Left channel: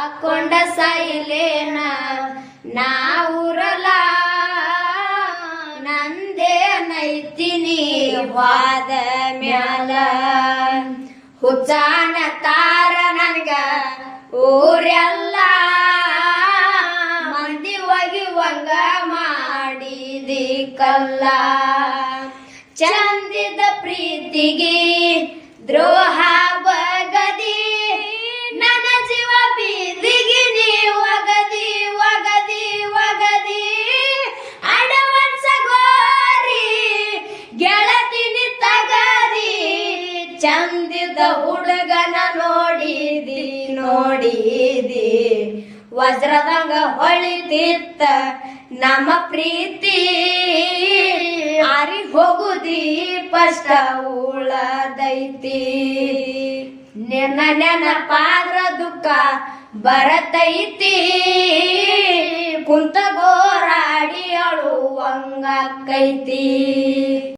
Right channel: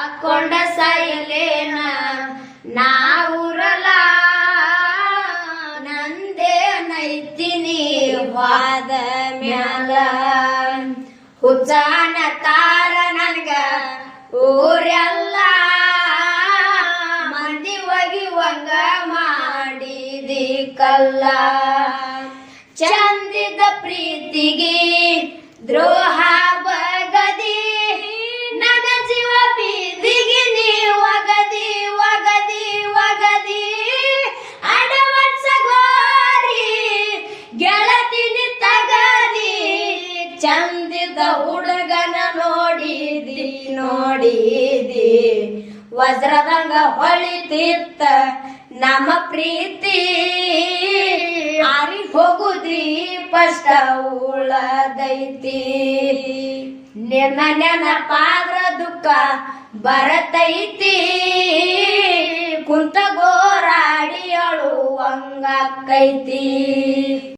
ಹಾಕೊಂಡ ಸಾಯಲೇನ ನಾವುರಲ್ಲ ನಂದೇ ನೈತಿನಿ ವಾದ ಮ್ಯಾಲ ಹುಚ್ಚಾನ ತಾರ ನನಗ ಊರೆಲ್ಲ ಮಂದಿ ಒಗಿವಂಗ ಮಾಡಿದಿ ಕಲ್ಲ ಚಂದಿದ ಪ್ರೀತಿಗೆ ದ್ರೋಹ ಬಗದಿ ನನ್ನ ಜೀವ ಬೀದಿಗೆ ನೀ ಒಗದಿ ಒಗದಿ ಒಗದಿ ಅಡವನ್ಸ ಗೋರಿ ಗೆಳತಿನಿ ತಗದಿ ಚಂದಿದ ಹುಡುಗನ ನೋಡಿದಿ ನೋಡಿದಿ ವಜ್ರದಂಗ ಹೊಳಿತಿತ್ತ ನಮ್ಮ ಪ್ರೀತಿ ಆರಿ ಹೋಗುದಿ ಪಷ್ಟ ಉಳದೈತಿ ನಿನ್ನ ನೆನಪಾದ್ರ ದುಃಖ ಬರತೈತಿ ಕುಂತ ಗೋರಾಡಿ ಅಳುವಂಗಾಕೈತಿ